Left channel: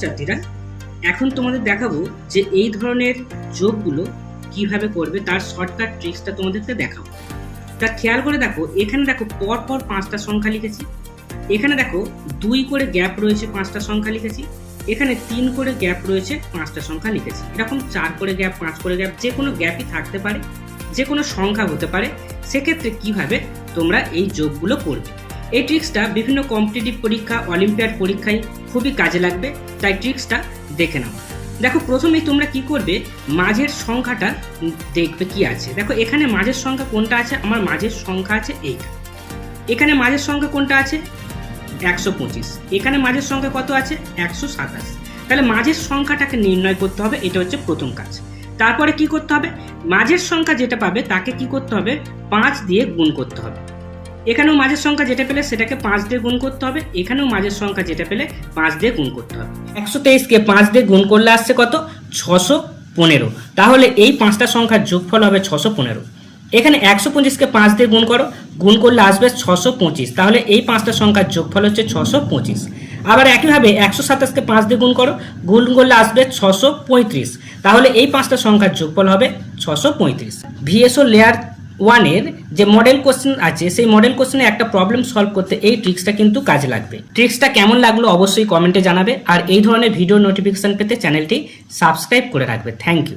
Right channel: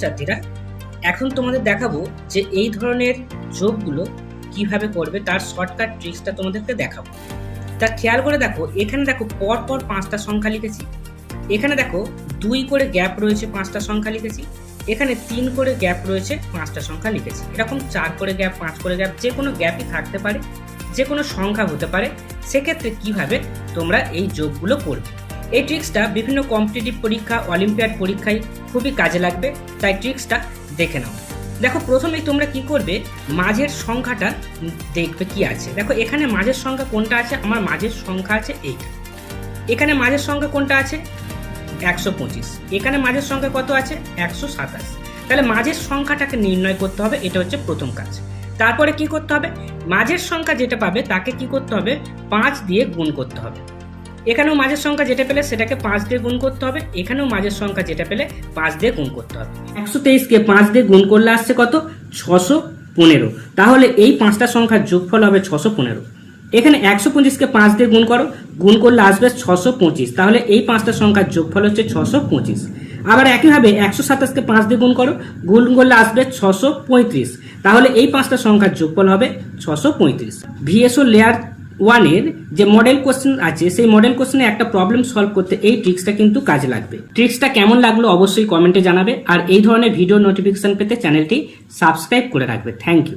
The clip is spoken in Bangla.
ছাত্রছাত্রীরা, এখন তোমাদের দেখাবো যে এই ধরনের যোগগুলো কিভাবে করবে, তার শর্টকাট ট্রিক্সটা তোমাদেরকে দেখাবো। তা খেয়াল করে দেখো, এখানে দেখো পরপর 5টা সংখ্যা লিখেছি, এখানে দেখো 2 করে গ্যাপ রয়েছে 5টা সংখ্যা লিখেছি, এখানে 3 করে গ্যাপ রয়েছে 5টা সংখ্যা লিখেছি, এরকম 4 করে গ্যাপ 5 করে গ্যাপ যে কোনো গ্যাপই থাকতে পারে, যে কোনো সংখ্যা হতে পারে। সেক্ষেত্রে কিভাবে তোমরা এই যোগগুলো করবে, এই ট্রিক্সটা বিভিন্ন কম্পিটিটিভ পরীক্ষা, অলিম্পিয়াড পরীক্ষায় খুবই কাজে লাগবে, তাই ট্রিক্সটা দেখে নাও। দেখো প্রথমেই তোমরা কি করবে, মাঝের সংখ্যাটা দেখবে কি আছে। দেখো এখানে মাঝের সংখ্যা কোনটা আছে, আমার মাঝের সংখ্যা আছে এইটা। এখানে মাঝের সংখ্যা কোনটা আছে 125, এখানে মাঝের সংখ্যা কত আছে 127। তাহলে মাঝের সংখ্যাটাকে নির্ণয় করতে হবে, এটা হচ্ছে প্রথম কাজ। তারপরে কি করতে হবে, মাঝের সংখ্যা যেটা পাবে তাকে কি করতে হবে 5 দিয়ে গুণ করতে হবে। এখানেও মাঝের সংখ্যা যেটা পেলে সেটাকে 5 দিয়ে গুণ করতে হবে, এখানেও মাঝের সংখ্যা যেটা পেলে 5 দিয়ে গুণ করতে হবে। 123কে 5 দিয়ে গুণ করলে আসছে কত 615। তাহলে এই 5টা সংখ্যার যোগফল হবে 615। এখানে 125কে 5 দিয়ে গুণ করো, গুণ করলে আসবে 625। তাহলে এই 5টা সংখ্যার যোগফল হচ্ছে 625। আবার একইভাবে 127কে 5 দিয়ে গুণ করো, গুণ করলে আসবে 635। তাহলে এই 5টা সংখ্যার যোগফল হবে 635। ভিএসও লেয়ার 1-এর যে মডেল কোশ্চেন আছে, সেই মডেল কোশ্চেনে একটা প্রবলেম সলভ করতে এই ট্রিক্সটা কিন্তু কাজে লাগবে। ট্রিক্সটা কেমন লাগলো অবশ্যই কমেন্টে জানাবে, আর এই ধরনের ভিডিও নোটিফিকেশন পেতে চ্যানেলটি সাবস্ক্রাইব করে রাখবে। Thank you.